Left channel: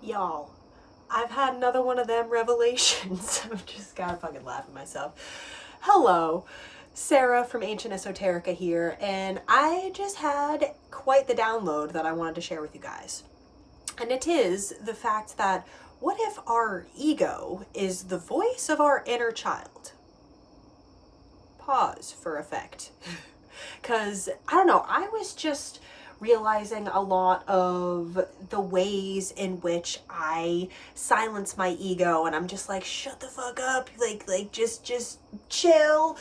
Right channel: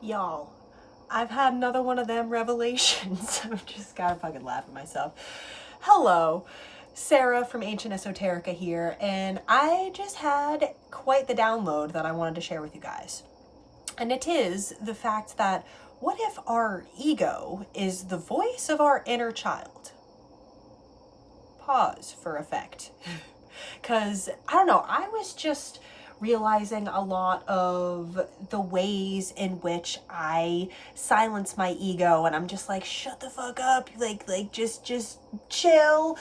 Y'all, I've had another one of them revelations. I'm just gotta fucking laugh at myself. Hello, Sarah from Ancient Esoterica here, and I just had quite the download that I wanted to share with you guys. And it is the fact that what if our ego is the voice of our inner child? Pause for effect. Because, I don't know, I was just realizing a lot of the ways in which I silence my ego, and I'm just like, shut the fuck up, just chill.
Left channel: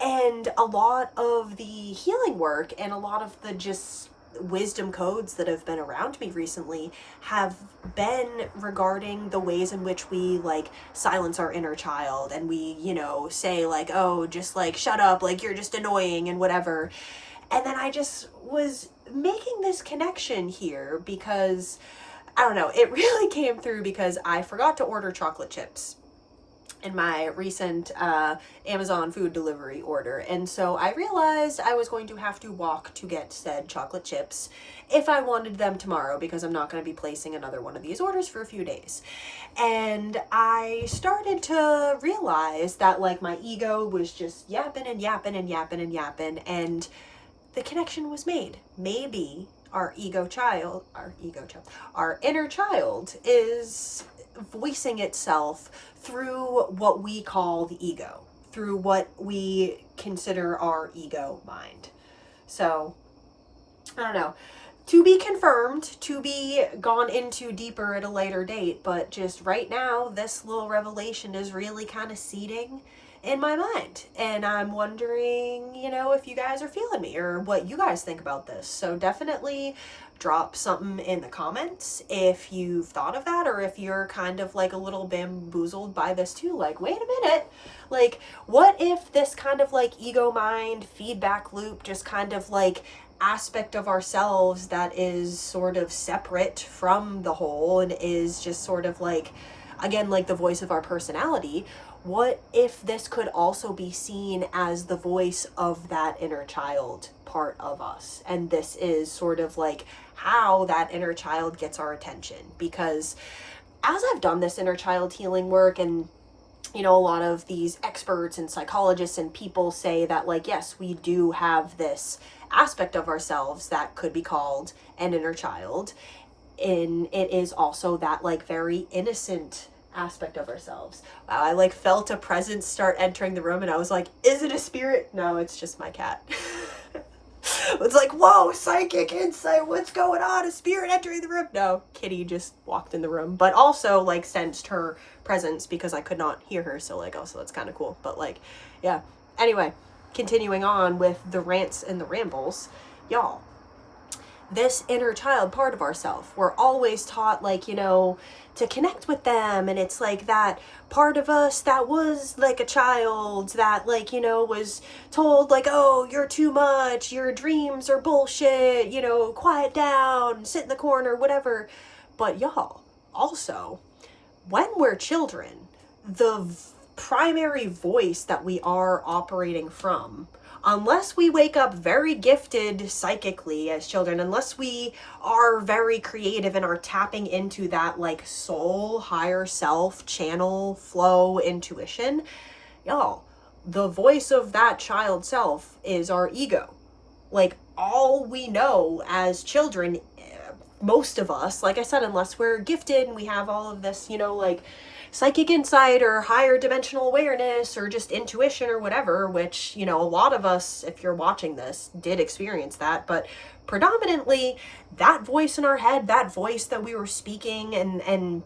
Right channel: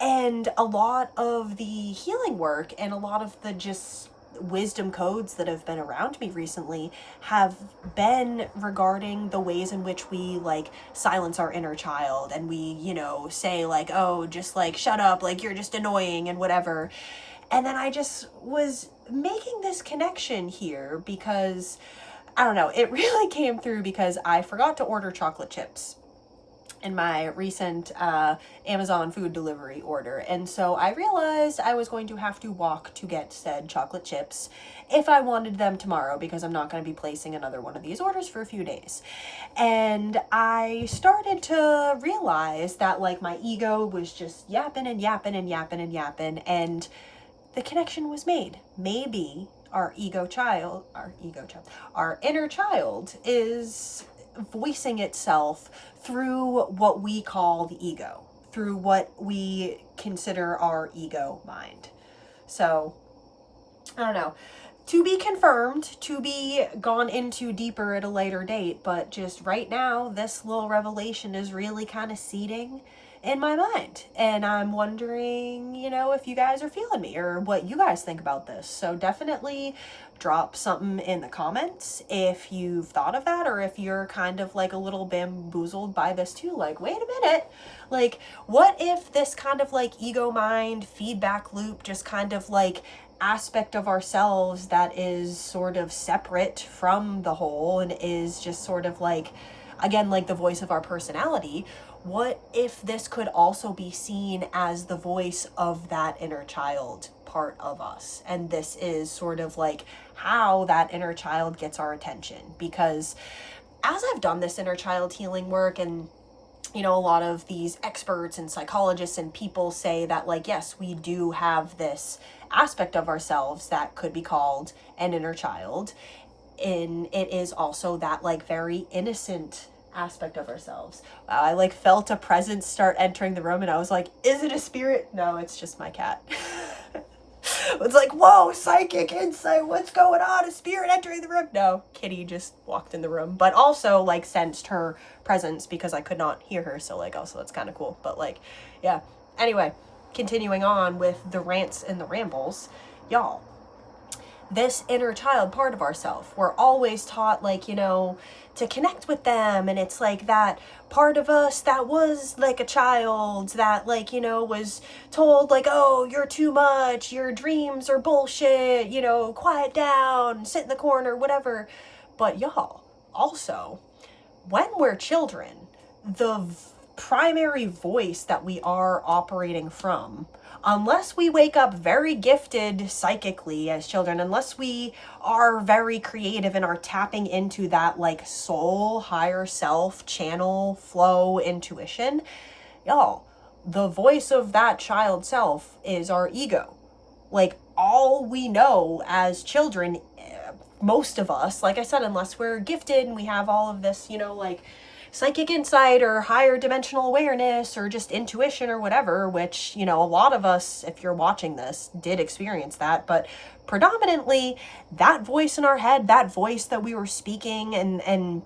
And a lot of the healing work and a lot of the just wisdom codes that have been around me recently have been regarding the ways in which we silence our inner child, and we, say like, oh, just like shut up, like you're just annoying and whatever. And then I just was making this connection here because I don't know, it really came through because I forgot to order chocolate chips in my recent Amazon food delivery order. And so I realized I was going to have to walk to get said chocolate chips if I wanted them tomorrow, because I'm not going to be placing another one of these orders for a few days. And I started to realize that my ego was just yapping and yapping and yapping and yapping, and the connection was made. Maybe our inner child is voicing itself through what we call the ego, through what we consider our ego mind. So, I don't know. To be confirmed, to be gone into deeper at a later date, but just right now, this little revelation is really kind of seeding in my mind. And I'm wondering, if you guys are feeling me or what you guys think about this. So definitely drop something in the comments if you've thought of that, or if you're kind of a little bamboozled by this too. Like, wait a minute. What if this kind of ego mind feedback loop, just kind of aspect of ourselves that is sort of separate from the whole and is just sort of again, the voice of our personality, what if this could also be seen as the voice of that inner child part of us? And this is sort of how that inner child gets our attention. Because as I've done this inner child healing work, and a lot of these experts and psychologists and people say that yes, we do have this aspect of ourselves that could be called an inner child, and it is also that very innocent aspect of ourselves. Wow, I felt a presence start entering the room, and I was like, is it a spirit? No, it's just my cat. It's like, whoa, psychic insight, what's going on? A spirit entering the room? No, Kitty just walked in the room, but also sensed her presence because I could not hear her, so also that's kind of cool. But yeah, anyway, continuing on with the rants and the rambles, y'all, this inner child part of ourselves, we're always taught to connect with them, and it's that part of us that was a child that was told oh, you're too much, your dreams are bullshit, quiet down, sit in the corner, whatever. But y'all, also, when we're children, the primary voice that we are operating from, unless we wake up very gifted psychically as children, unless we are very creative and are tapping into that soul, higher self, channel, flow, intuition, y'all, the voice of that child self is our ego. All we know as children, most of us, like I said, unless we're gifted and we have all of this, psychic insight or higher dimensional awareness or just intuition or whatever, which, a lot of us, if you're watching this, did experience that. But predominantly, that voice in our head, that voice that we were speaking and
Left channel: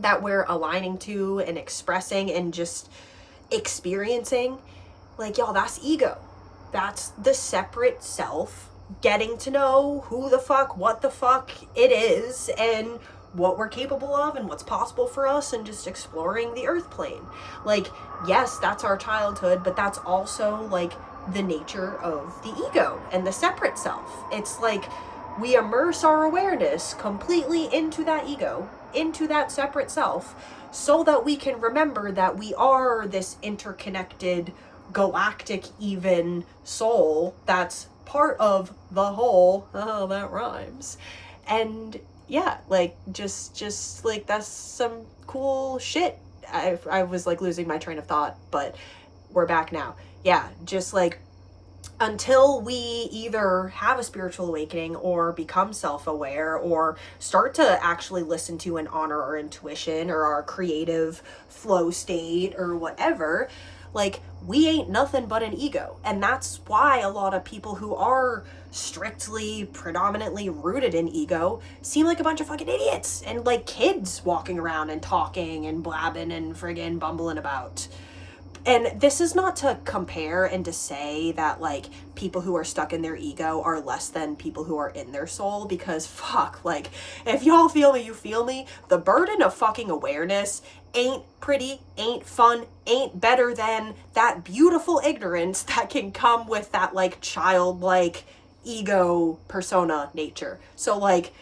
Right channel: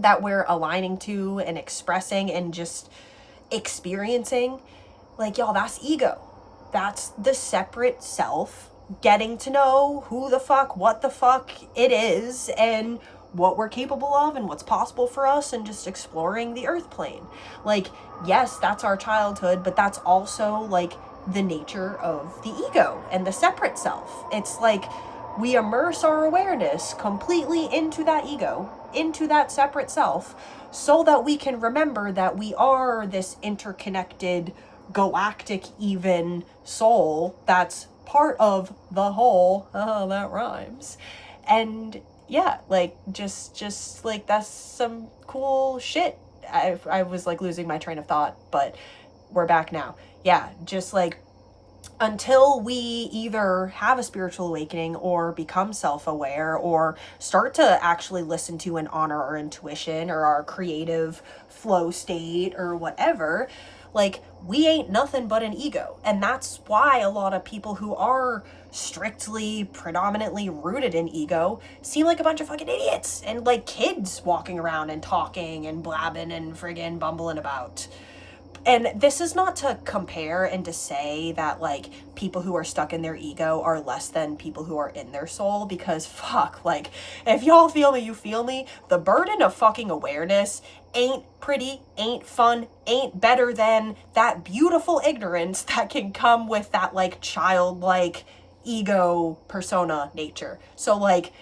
that we're aligning to and expressing and just experiencing, y'all, that's ego. That's the separate self getting to know who the fuck, what the fuck it is, and what we're capable of and what's possible for us, and just exploring the earth plane. Yes, that's our childhood, but that's also the nature of the ego and the separate self. It's we immerse our awareness completely into that ego, into that separate self, so that we can remember that we are this interconnected, galactic even soul that's part of the whole. Oh, that rhymes. And yeah, like, just like, that's some cool shit. I was like losing my train of thought, but we're back now. Yeah, just like, until we either have a spiritual awakening or become self-aware or start to actually listen to and honor our intuition or our creative flow state or whatever, like, we ain't nothing but an ego. And that's why a lot of people who are strictly predominantly rooted in ego seem like a bunch of fucking idiots and like kids walking around and talking and blabbing and friggin' bumbling about. And this is not to compare and to say that like people who are stuck in their ego are less than people who are in their soul, because fuck, like, if y'all feel me, you feel me. The burden of fucking awareness ain't pretty, ain't fun, ain't better than that beautiful ignorance that can come with that like childlike ego persona nature. So like,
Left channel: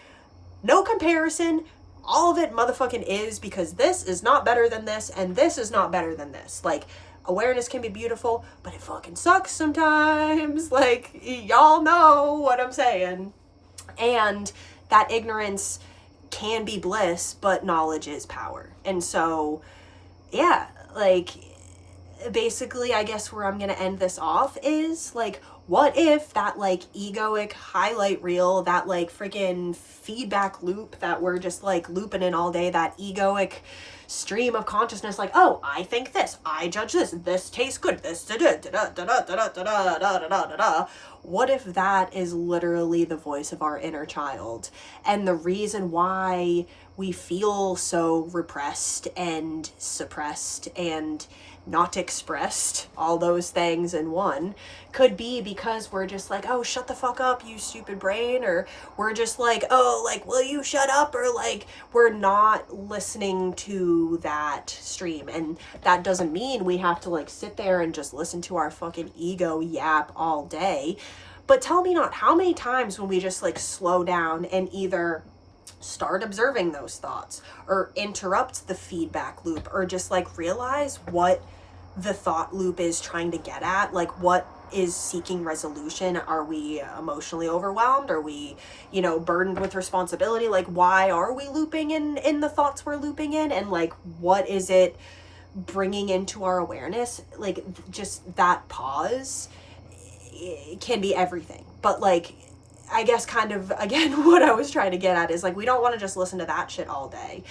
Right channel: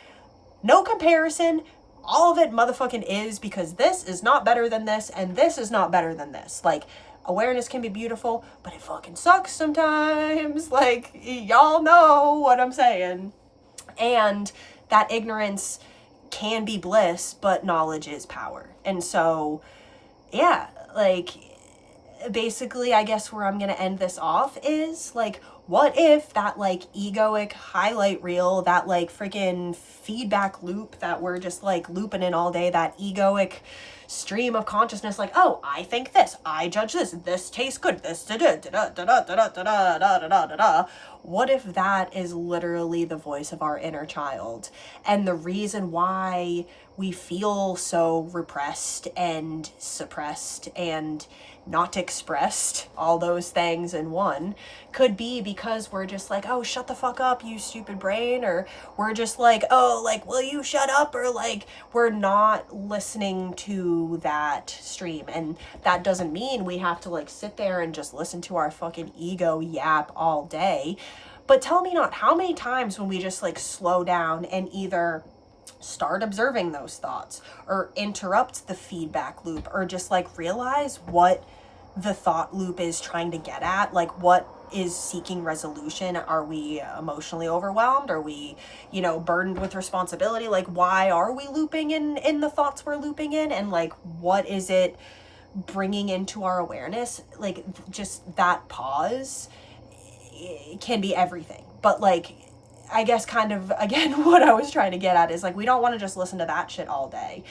no comparison. All of it motherfucking is, because this is not better than this and this is not better than this. Like, awareness can be beautiful, but it fucking sucks sometimes. Like, y'all know what I'm saying. And that ignorance can be bliss, but knowledge is power. And so, yeah, like, basically, I guess where I'm gonna end this off is like, what if that like egoic highlight reel, that like freaking feedback loop that we're just like looping in all day, that egoic stream of consciousness, like, oh, I think this, I judge this tastes good, this da da da da da da da da da da da da. What if that is literally the voice of our inner child? And the reason why we feel so repressed and suppressed and not expressed, all those things in one, could be because we're just like, oh, shut the fuck up, you stupid brain, or we're just like, oh, like, will you shut up, or like, we're not listening to that stream. And that doesn't mean we have to like sit there and just listen to our fucking ego yap all day, but tell me not how many times when we just like slow down and either start observing those thoughts or interrupt the feedback loop, or just like realize what the thought loop is trying to get at, like what is seeking resolution. Are we emotionally overwhelmed? Are we, you know, burdened with responsibility? Like, why are we looping in the thoughts we're looping in? And like, what is it bringing into our awareness? Like, just that pause can be everything. But like, I guess kind of, again, what I was trying to get at is like, we don't want to just listen to that shit all day.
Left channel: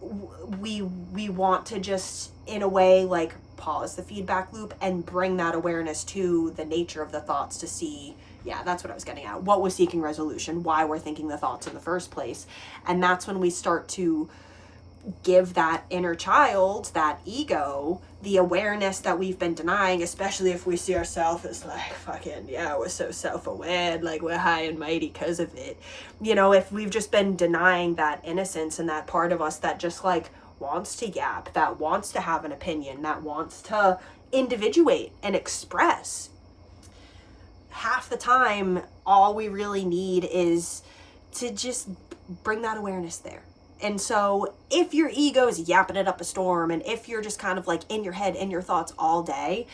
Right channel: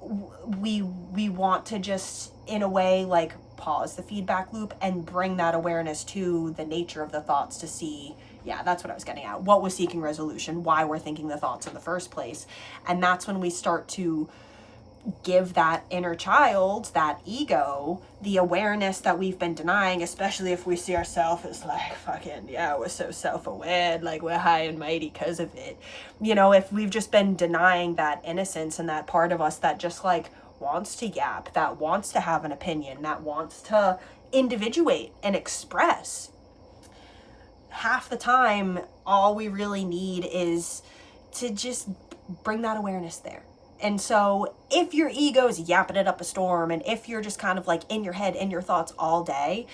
We want to just, in a way, like, pause the feedback loop and bring that awareness to the nature of the thoughts to see, yeah, that's what I was getting at. What was seeking resolution? Why we're thinking the thoughts in the first place? And that's when we start to give that inner child, that ego, the awareness that we've been denying, especially if we see ourselves as like, fucking, yeah, we're so self-aware, like we're high and mighty because of it. You know, if we've just been denying that innocence and that part of us that just like wants to yap, that wants to have an opinion, that wants to individuate and express, half the time, all we really need is to just bring that awareness there. And so if your ego is yapping it up a storm, and if you're just kind of like in your head, in your thoughts all day,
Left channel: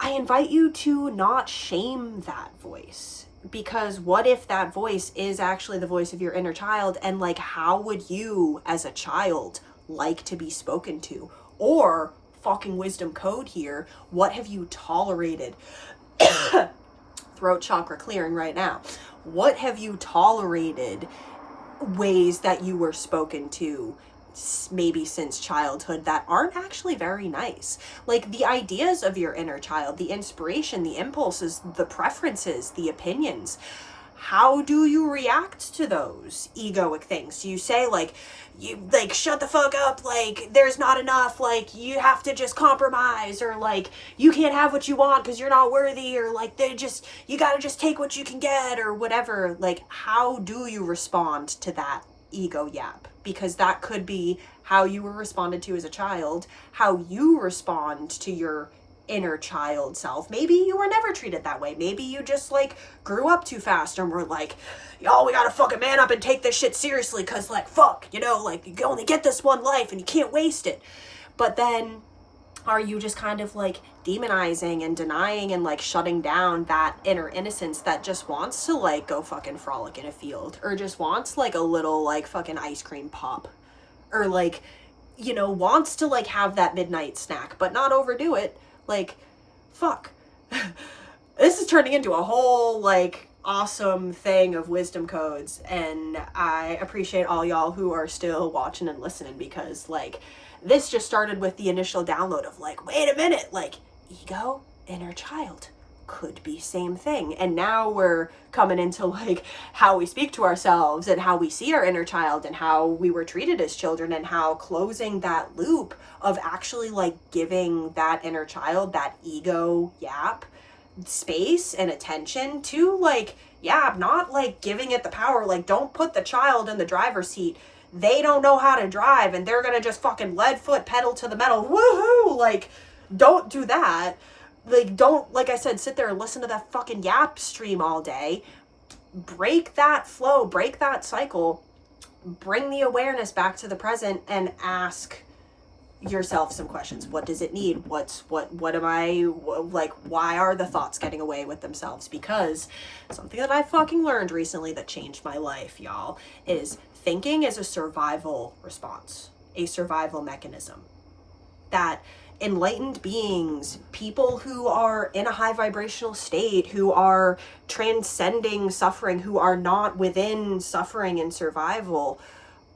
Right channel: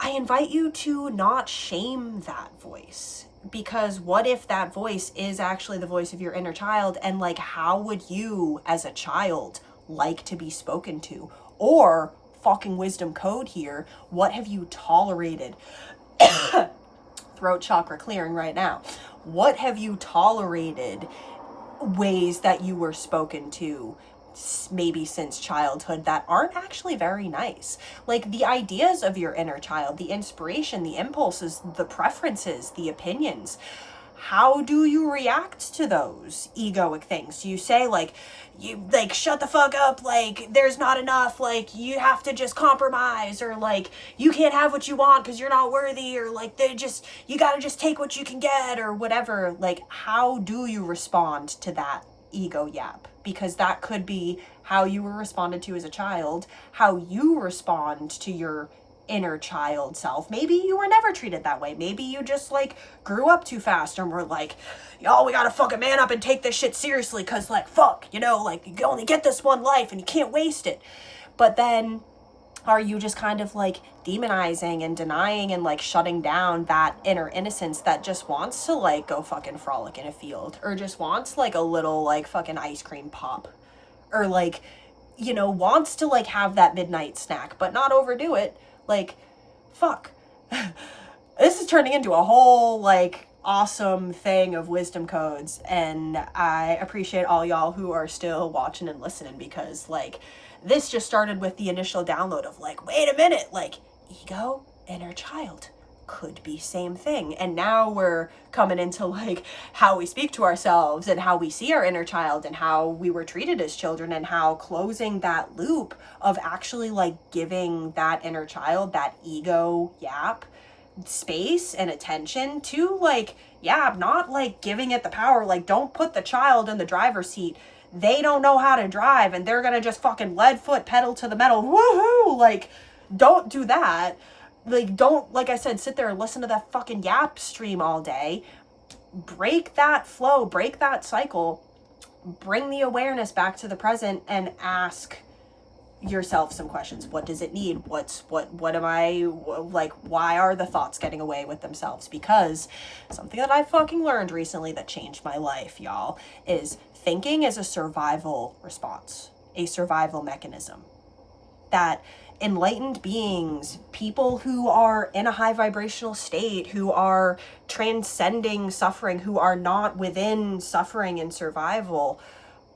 I invite you to not shame that voice. Because what if that voice is actually the voice of your inner child? And like, how would you as a child like to be spoken to? Or, fucking wisdom code here, what have you tolerated? Throat chakra clearing right now. What have you tolerated ways that you were spoken to maybe since childhood that aren't actually very nice? Like, the ideas of your inner child, the inspiration, the impulses, the preferences, the opinions, how do you react to those egoic things? Do you say like, you like, shut the fuck up, like there's not enough, like you have to just compromise, or like you can't have what you want because you're not worthy, or like you gotta just take what you can get, or whatever? Like, how do you respond to that ego yap? Because that could be how you were responded to as a child, how you respond to your inner child self. Maybe you were never treated that way. Maybe you just like grew up too fast and were like, yo, we gotta fucking man up and take this shit seriously, cause like, fuck, you know, like you only get this one life and you can't waste it. But then are you just kind of like demonizing and denying and like shutting down that inner innocence that just wants to like go fucking frolic in a field, or just wants like a little like fucking ice cream pop, or like, you know, wants to like have that midnight snack but not overdo it. Like, fuck. This is turning into a whole like awesome thing of wisdom codes, and I appreciate all y'all who are still watching and listening, because like this just started with the initial download of like, wait a minute, like ego, inner child could be same thing. And now we're coming into like how we speak to ourselves and how we see our inner child and how we were treated as children, and how closing that loop of actually like giving that inner child, that ego yap, space and attention to like, yeah, not like giving it the power. Like, don't put the child in the driver's seat. They don't know how to drive and they're gonna just fucking lead foot pedal to the metal, woohoo. Like, don't do that. Like, don't, like I said, sit there and listen to that fucking yap stream all day. Break that flow, break that cycle, bring the awareness back to the present, and ask yourself some questions. What does it need? What am I, like, why are the thoughts getting away with themselves? Because something that I fucking learned recently that changed my life, y'all, is thinking is a survival response, a survival mechanism. That enlightened beings, people who are in a high vibrational state, who are transcending suffering, who are not within suffering and survival,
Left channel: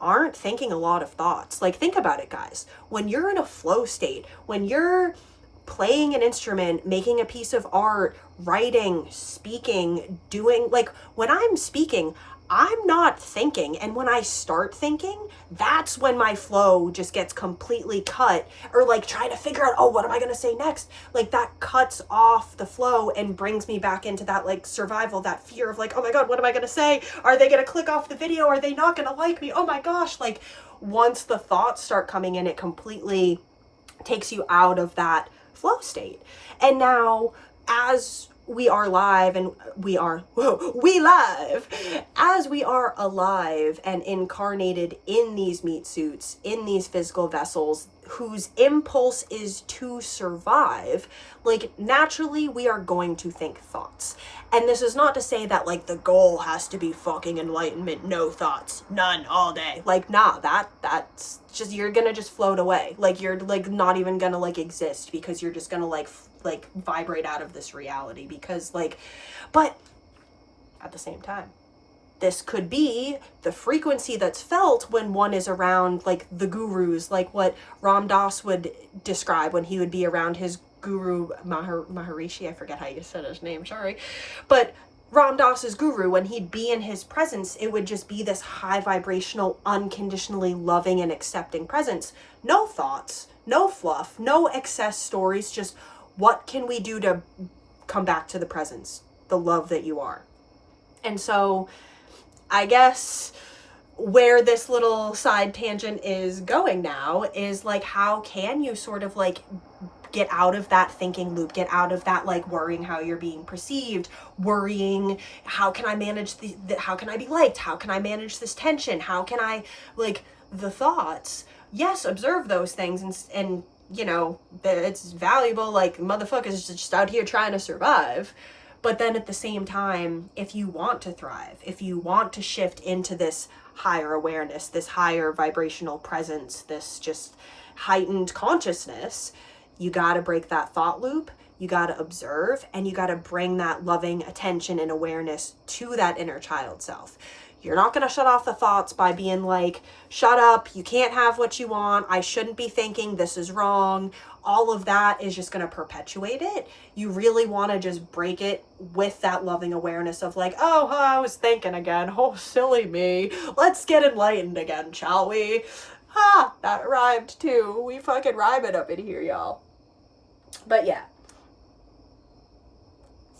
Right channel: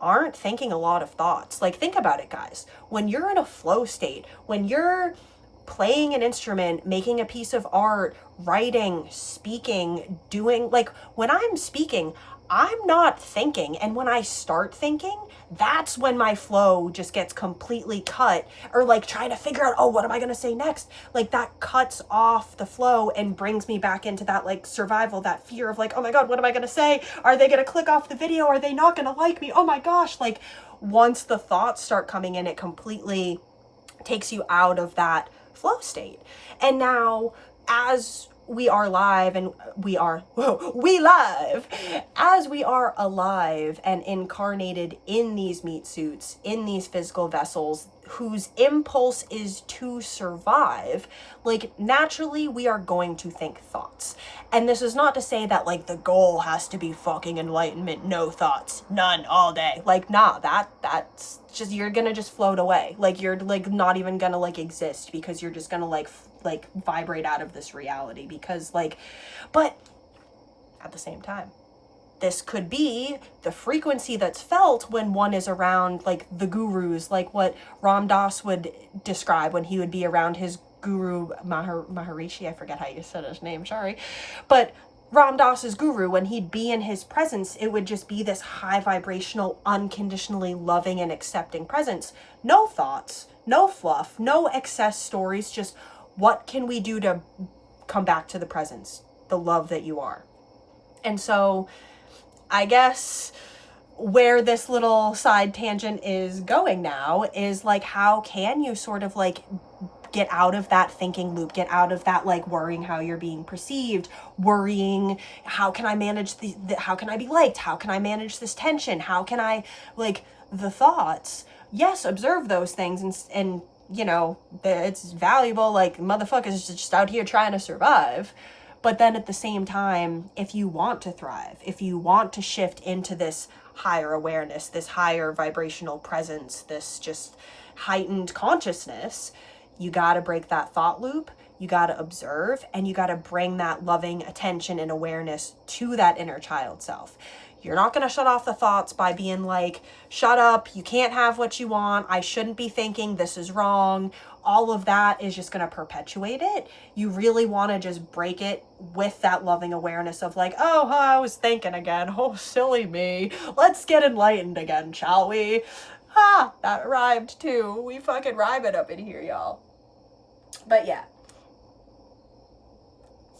aren't thinking a lot of thoughts. Like, think about it, guys. When you're in a flow state, when you're playing an instrument, making a piece of art, writing, speaking, doing, like, when I'm speaking, I'm not thinking. And when I start thinking, that's when my flow just gets completely cut, or like trying to figure out, oh, what am I going to say next? Like, that cuts off the flow and brings me back into that like survival, that fear of like, oh my God, what am I going to say? Are they going to click off the video? Are they not going to like me? Oh my gosh. Like, once the thoughts start coming in, it completely takes you out of that flow state. And now, as we are live, and we live, as we are alive and incarnated in these meat suits, in these physical vessels, whose impulse is to survive, like, naturally we are going to think thoughts. And this is not to say that like the goal has to be fucking enlightenment, no thoughts, none, all day. Like, nah, that's just, you're gonna just float away. Like, you're like not even gonna like exist, because you're just gonna like vibrate out of this reality. Because like, but at the same time, this could be the frequency that's felt when one is around like the gurus, like what Ram Dass would describe when he would be around his guru Maharishi. I forget how you said his name, sorry. But Ram Dass's guru, when he'd be in his presence, it would just be this high vibrational, unconditionally loving and accepting presence. No thoughts, no fluff, no excess stories, just what can we do to come back to the presence, the love that you are. And so I guess where this little side tangent is going now is like, how can you sort of like get out of that thinking loop, get out of that like worrying how you're being perceived, worrying how can I manage how can I be liked, how can I manage this tension, how can I, like, the thoughts. Yes, observe those things, and you know, it's valuable, like, motherfuckers just out here trying to survive. But then at the same time, if you want to thrive, if you want to shift into this higher awareness, this higher vibrational presence, this just heightened consciousness, you got to break that thought loop. You got to observe, and you got to bring that loving attention and awareness to that inner child self. You're not going to shut off the thoughts by being like, shut up, you can't have what you want, I shouldn't be thinking, this is wrong. All of that is just going to perpetuate it. You really want to just break it with that loving awareness of like, oh, I was thinking again. Oh, silly me. Let's get enlightened again, shall we? Ha, that rhymed too. We fucking rhyme it up in here, y'all. But yeah.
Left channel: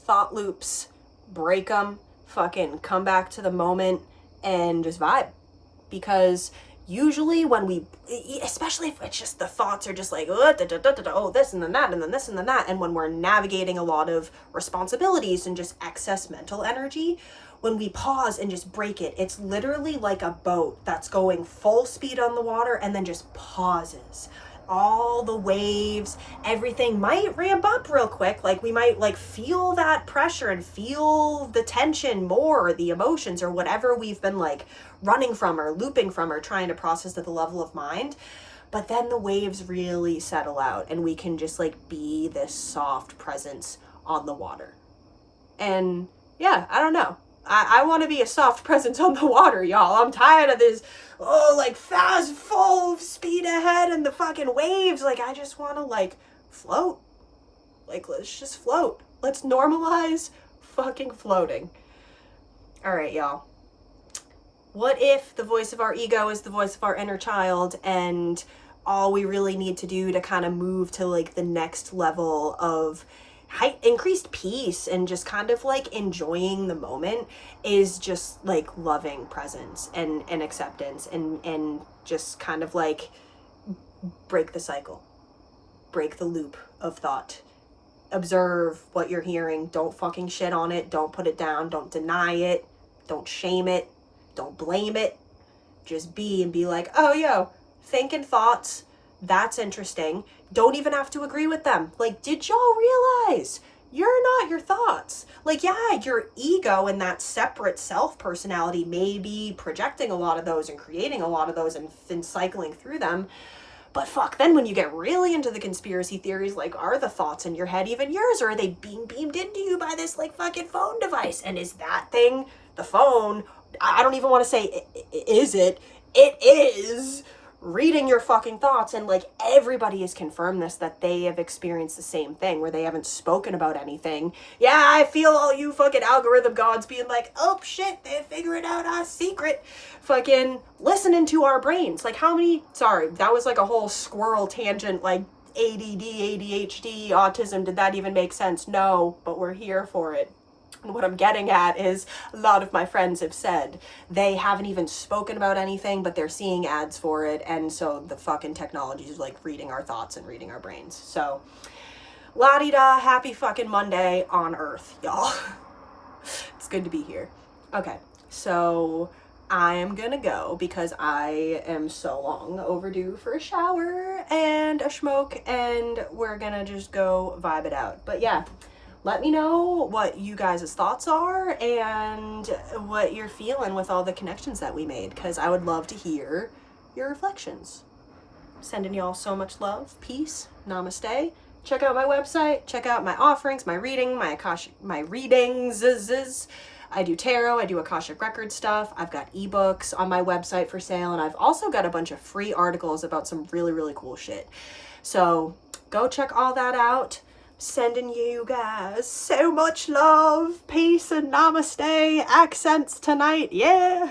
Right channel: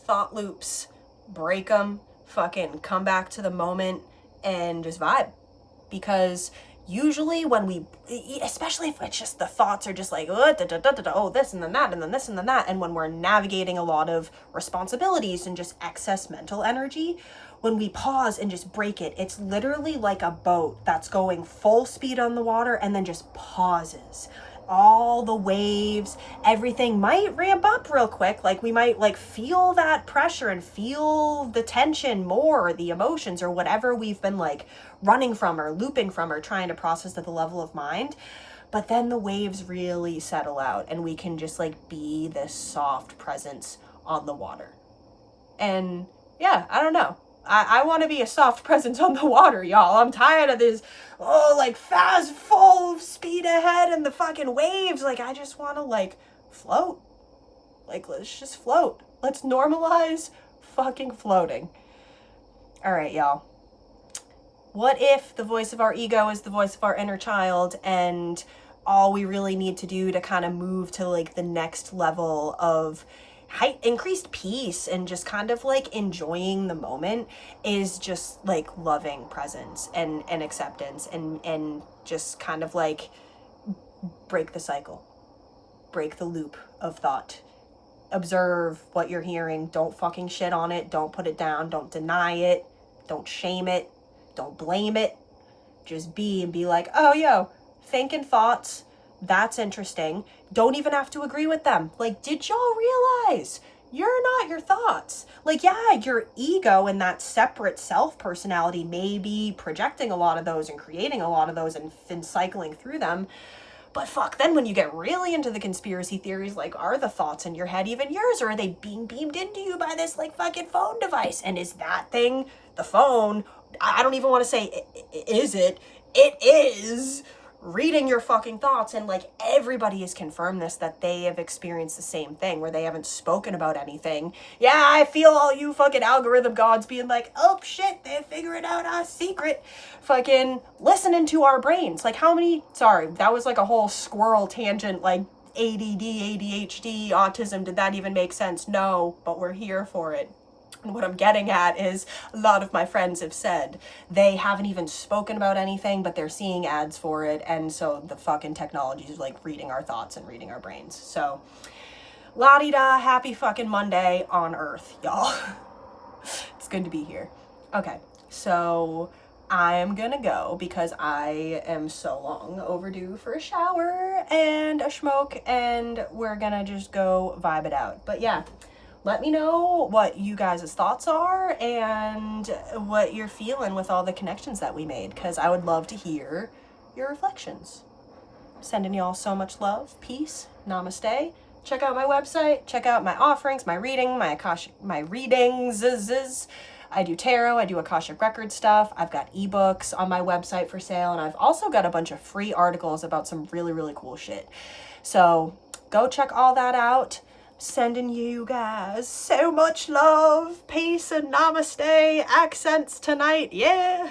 Thought loops, break them, fucking come back to the moment and just vibe. Because usually when we, especially if it's just the thoughts are just like, oh, this and then that, and then this and then that, and when we're navigating a lot of responsibilities and just excess mental energy, when we pause and just break it, it's literally like a boat that's going full speed on the water and then just pauses all the waves, everything might ramp up real quick. Like we might like feel that pressure and feel the tension more, or the emotions or whatever we've been like running from or looping from or trying to process at the level of mind. But then the waves really settle out and we can just like be this soft presence on the water. And yeah, I don't know. I want to be a soft presence on the water, y'all. I'm tired of this, like fast, full speed ahead and the fucking waves. Like, I just want to like float. Like, let's just float. Let's normalize fucking floating. All right, y'all. What if the voice of our ego is the voice of our inner child, and all we really need to do to kind of move to like the next level of increased peace and just kind of like enjoying the moment is just like loving presence and acceptance and just kind of like break the cycle, break the loop of thought, observe what you're hearing, don't fucking shit on it, don't put it down, don't deny it, don't shame it, don't blame it, just be and be like, oh yo, thinking thoughts, that's interesting. Don't even have to agree with them. Like, did y'all realize you're not your thoughts? Like, yeah, your ego and that separate self personality may be projecting a lot of those and creating a lot of those and cycling through them. But fuck, then when you get really into the conspiracy theories, like, are the thoughts in your head even yours? Or are they being beamed into you by this, like, fucking phone device? And is that thing, the phone, I don't even want to say, is it? It is reading your fucking thoughts. And like everybody has confirmed this, that they have experienced the same thing where they haven't spoken about anything. Yeah, I feel all you fucking algorithm gods being like, oh shit, they're figuring out our secret. Fucking listening to our brains. Like how many, sorry, that was like a whole squirrel tangent, like ADD, ADHD, autism. Did that even make sense? No, but we're here for it. And what I'm getting at is a lot of my friends have said they haven't even spoken about anything, but they're seeing ads for it. And so the fucking technology is like reading our thoughts and reading our brains. So la-di-da, happy fucking Monday on Earth, y'all. It's good to be here. Okay, so I am gonna go because I am so long overdue for a shower and a smoke, and we're gonna just go vibe it out. But yeah, let me know what you guys' thoughts are and what you're feeling with all the connections that we made, because I would love to hear your reflections. Sending y'all so much love, peace, namaste. Check out my website, check out my offerings, my reading, my readings. I do tarot, I do Akashic Record stuff. I've got ebooks on my website for sale, and I've also got a bunch of free articles about some really, really cool shit. So go check all that out. Sending you guys so much love, peace, and namaste accents tonight. Yeah.